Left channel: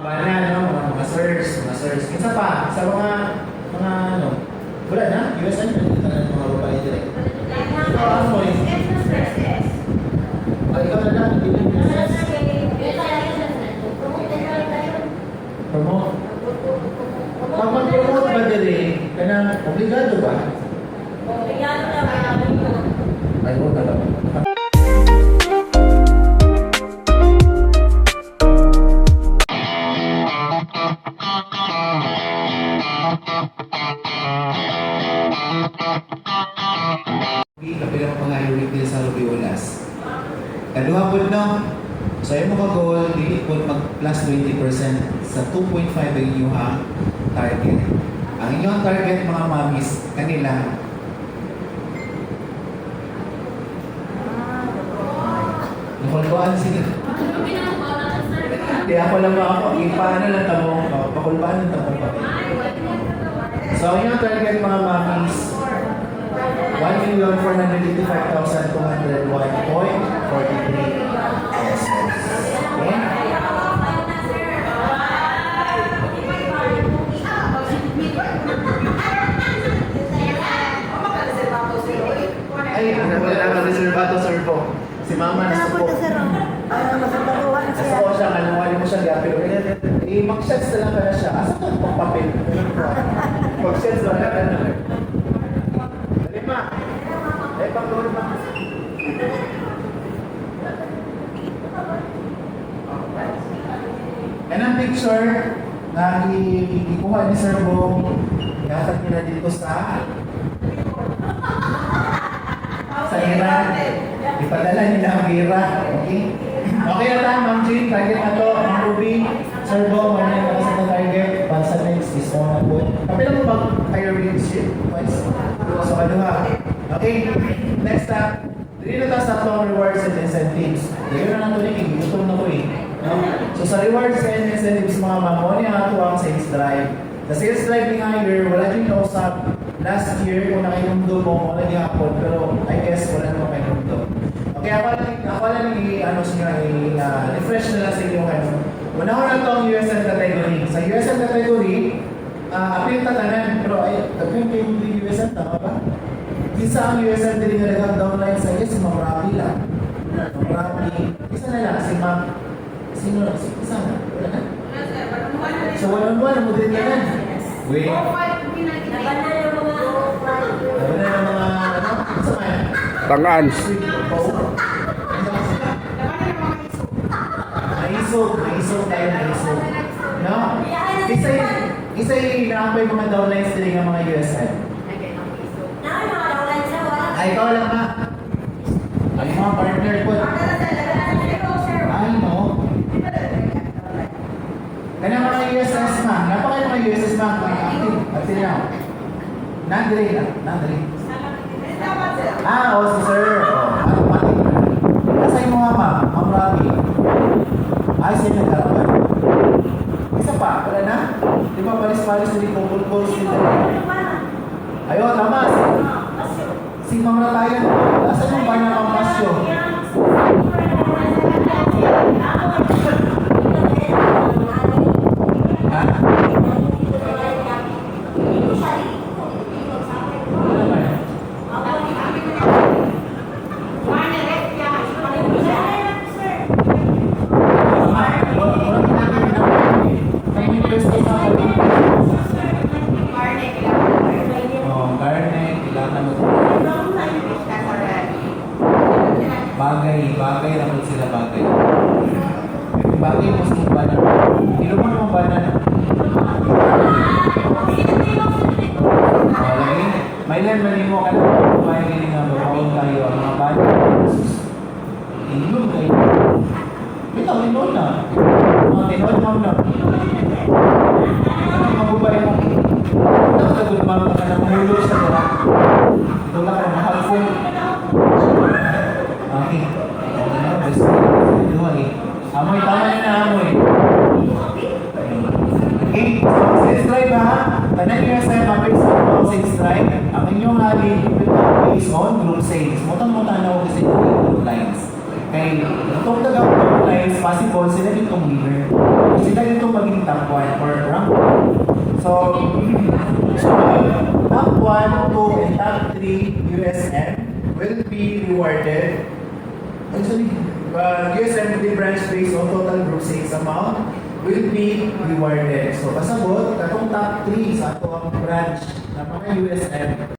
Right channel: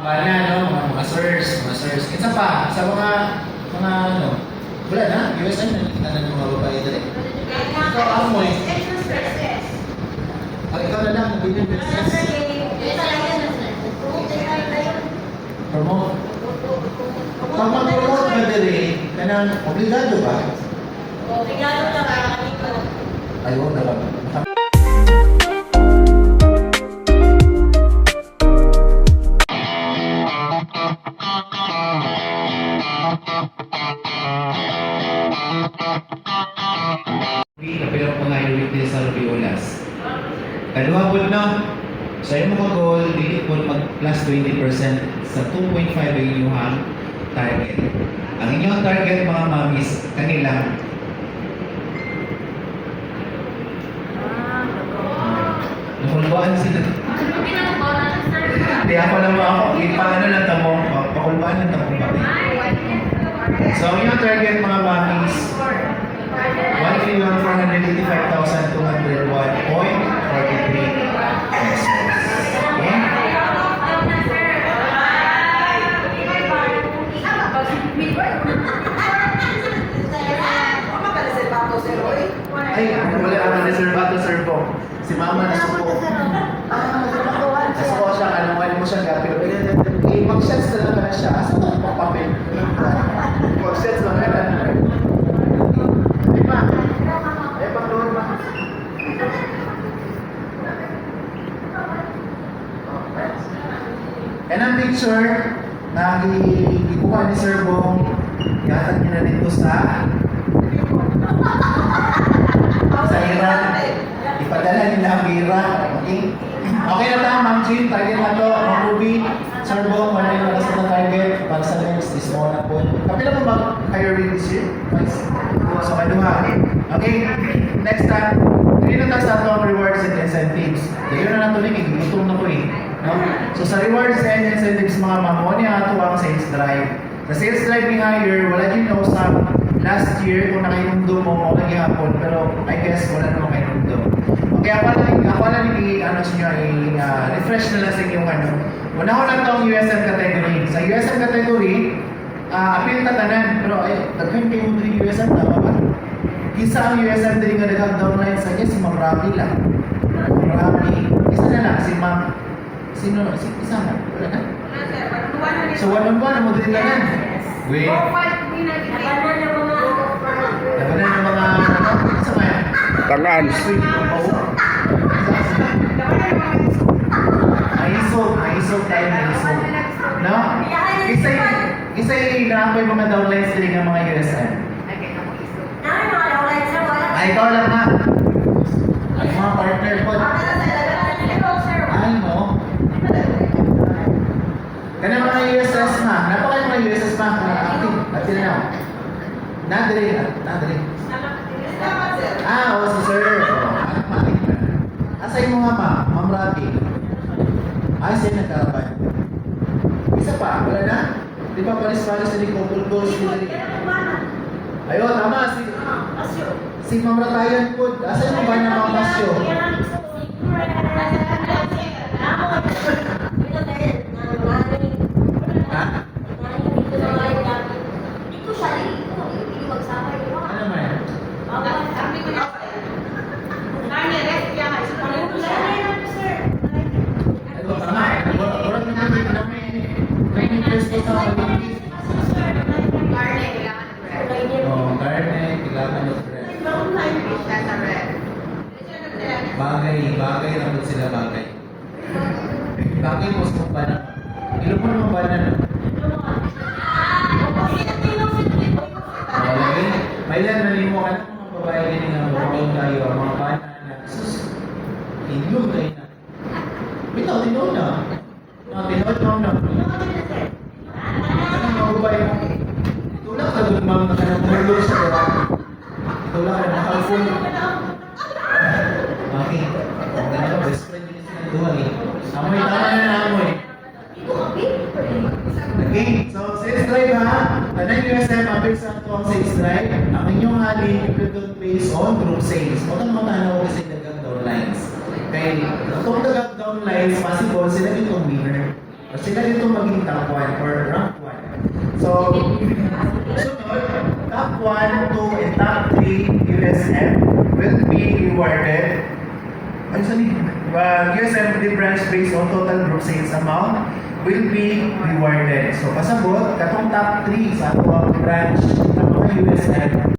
Mga no, mga sirs, Isa pa, sa mga ano, wala na, USM na nakita na mga babae dali. Ikaw, amoy. O, ikaw na lang, bilhin business. Promote. Pag mag-promote ka dali, kanang obligado ba? Obligado lang ang Ay, huwag na lang. Kapilang pangayawit din sa Lupiolas. Kaduha po no, sa iyo mga goal, dili po mag plus 20% sa 2.5 ang inyong target. Ang inyong target mga mamis, kanilang nakulbaan sila. Hindi ako lang ako, paano lang tamo, pakulbaan lang tamo pati. So ang inyong target mga mamis, 1,485,201.43 pesos. Okay? Ay, wala ang reservato, sir po. Si mama nasuko. Nasuko siya, kanungali mo siya gapil. Mag-sense na naman na siya. Asa ito ang papapil? Mag-sense na naman na. Di ba? Ay, pagluhod ba? Yan ang picture na ikuha ni Sir Bong. Ihatag niya na dito sa Iran. Ipadala nila ang Iran. Okay? Okay na lang, Ma'am Jean. Target na to. Ma'am Ruby. Sir Bong, ano yung nasa na target? Para sa next is on na po. Kapila mo ba kayo rin this year? So, kaduha. Okay, next time. Dito na sa atong rewards and incentives. Dito na natin yung gutom na ko eh. No? So sa rewards and incentives mga mamo, niya ito ang sales drive. Sa sales drive ni hire, wala din nausap last year kung nakainundo mo o naghihapon, pero I guess wala naman kainundo. Okay, ako lang ano siya, refresh na lang sa inyong ano. Una ko lang itong USM category. Sa USM category, appeal tatanan, pero ay, tagkain kayo yung USM, tama ba? Isa ang USM din nga nag-downline sa iya, si Ma'am Rafi lang. Ma'am Rafi. Isa na lang, si Ma'am. Sino? Isa na? Wala na? So, one-on-one, mo din ka na. Wait. Laban na ng mga, ano? Isa ba yan? Tangaan. Naisog tayo, naisog. No? Isa yung inaapoy mga downlines din ng mga USM. Ay, ikaw lang ha. Ay, mga partner ko. Ay, no. Ganun mga USS na. Napakay mga USS na. At sila na. Nandali na. Nandali. O, si sir. Automatic na. Asay mo nga ma. Ma'am Rafi. Ay, sa'yo nagkarapan. Isa pa. Wala na? Di ba palis-palis na di pupulpul sila? Ayun, tama. Si Ma'am Ratayan po. Asan yung banyak ang pasyo? Ha? Ano naman? May pwesto sa karne, kailangan mo. Bagay naman sila bagay. Bagay mo sa ba na? Iluman mo ba na? Okay? May lang nanimo ka na kung gini nga mabawang tayo ang mga bata. Ilum kayo. Bitaw, tinood na. Mga tinood na. Ano magubay mo? Nakagod mga kanang sa ito. Ito lang ka na halfon. Okay. Best. Dumagi. Amoy, tama na amoy. Okay. So, sales drive ha. Tanan USM, appeal sa sales drive. Ang inyong hali, based on group sales. Mutang-mutang na ako kasi yung lines. Kay itong tagawang lines, possible sila ditong winner. Sila ditong maging top 1 or round 1. So, top 1, 2, and top 3 USM will be rewarded. Actually, USM will branch based on total group sales amount will be rewarded. So, pasabot, katong top 3 sa ato ang branch ng mga USM.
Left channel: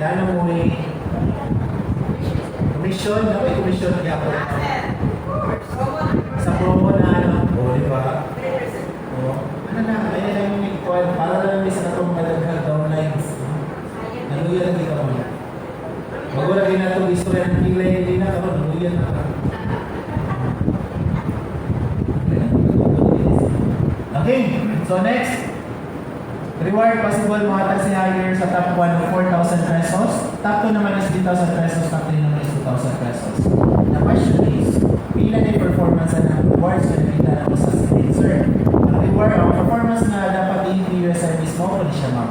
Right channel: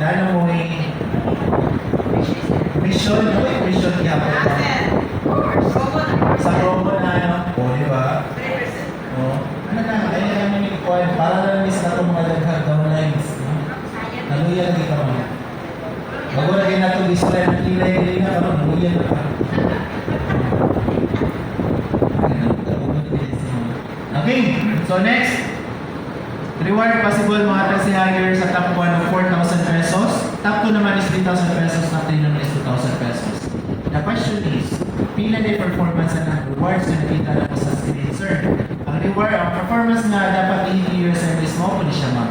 Lalo mo commission, ano yung commission niya po? Sa promo na ano, o diba? O, ano na, ayun lang yung ikuan, para lang is na itong malaghan downlines. Naguyan dito kami. Bago lagi na itong display ng kilay, hindi na kami, naguyan na kami. Okay, so next. Reward possible mga taxi hire sa top 1 of 4,000 pesos. Top 2 naman is 3,000 pesos. Top 3 naman is 2,000 pesos. The question is, pila na performance na rewards na nakita na po sa screen, sir? Ang reward, ang performance na dapat i-year service mo, kung siya ma'am.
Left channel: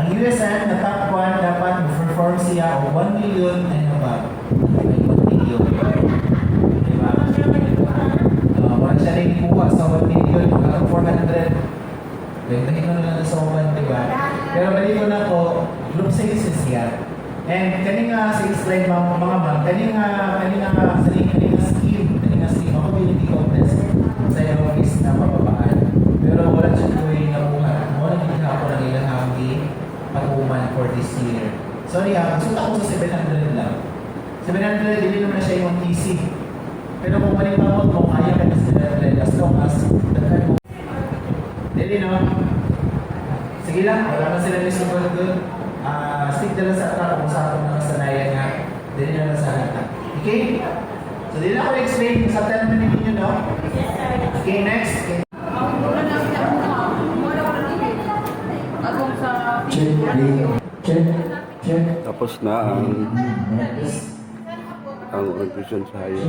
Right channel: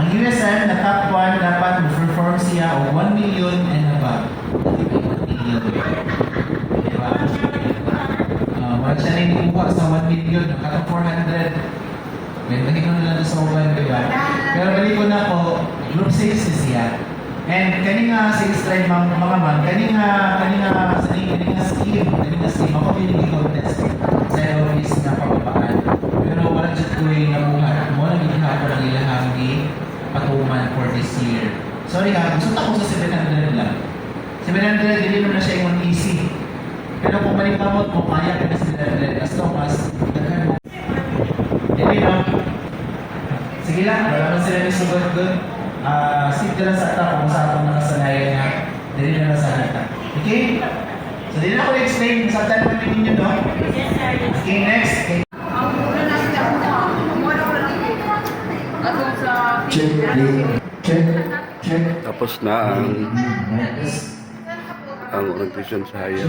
Ang USM na top 1 dapat perform siya o 1 million and above. 1 million. Diba? Wala siya na inukuha sa 1 million, nakaka 400. Bentahin ko na lang sa mobile, diba? Pero balik ko na po, group sales is yan. And kanina sales drive mga man, kanina scheme, ako pinag-contest sa office na pababaan. Pero wala siya tuloy na buhat. Wala ginawa ko lang ilahang patuman for this year. Sorry gusto ko sa 700 lang. 700, hindi mo na siya yung easy. Pero kung malimamot mo, kaya ka na sila as long as daghan mo. Hindi no? Sige lang, wala man sila nisugod doon. Stick na lang sa top kung sa atong nakasanayan na dili na lang sa hita. Okay? So, dili na ako explain sa time na ninyo, no? Okay, next. Okay. Check. Tapos na ang orientation sa hire.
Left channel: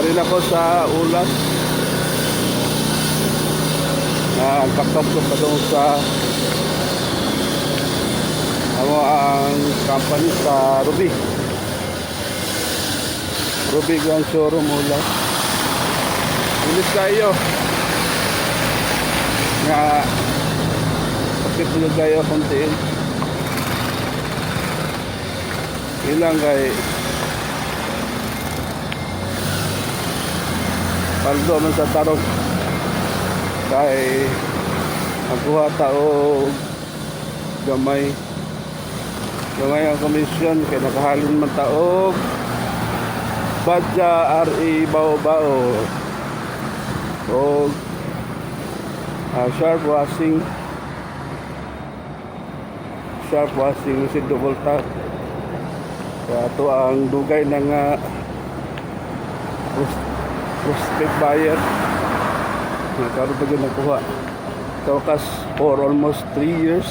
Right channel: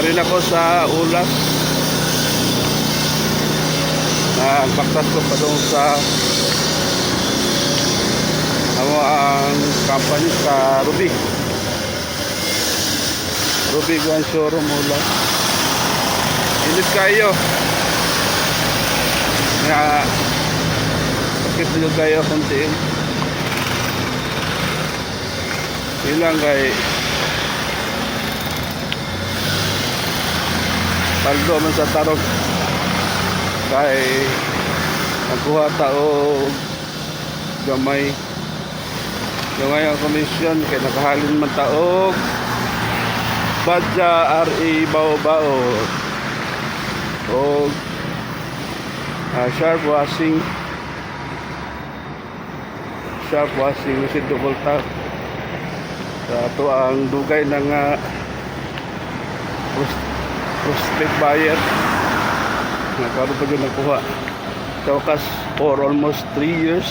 Ari na ko sa ulas na pagtas ko pa doon sa ang company sa Ruby Grand Showroom ulas. Init kayo nga sakit nyo kayo konti ilang kay paldo man sa tarong kay magkuha tao gamay ang komisyon kay nakahalin man taog badja RE bao o Sharp washing machine double tap sa ato ang dugay ng prospect buyer nakaroon pa dyan nakuha sa wakas for almost 3 years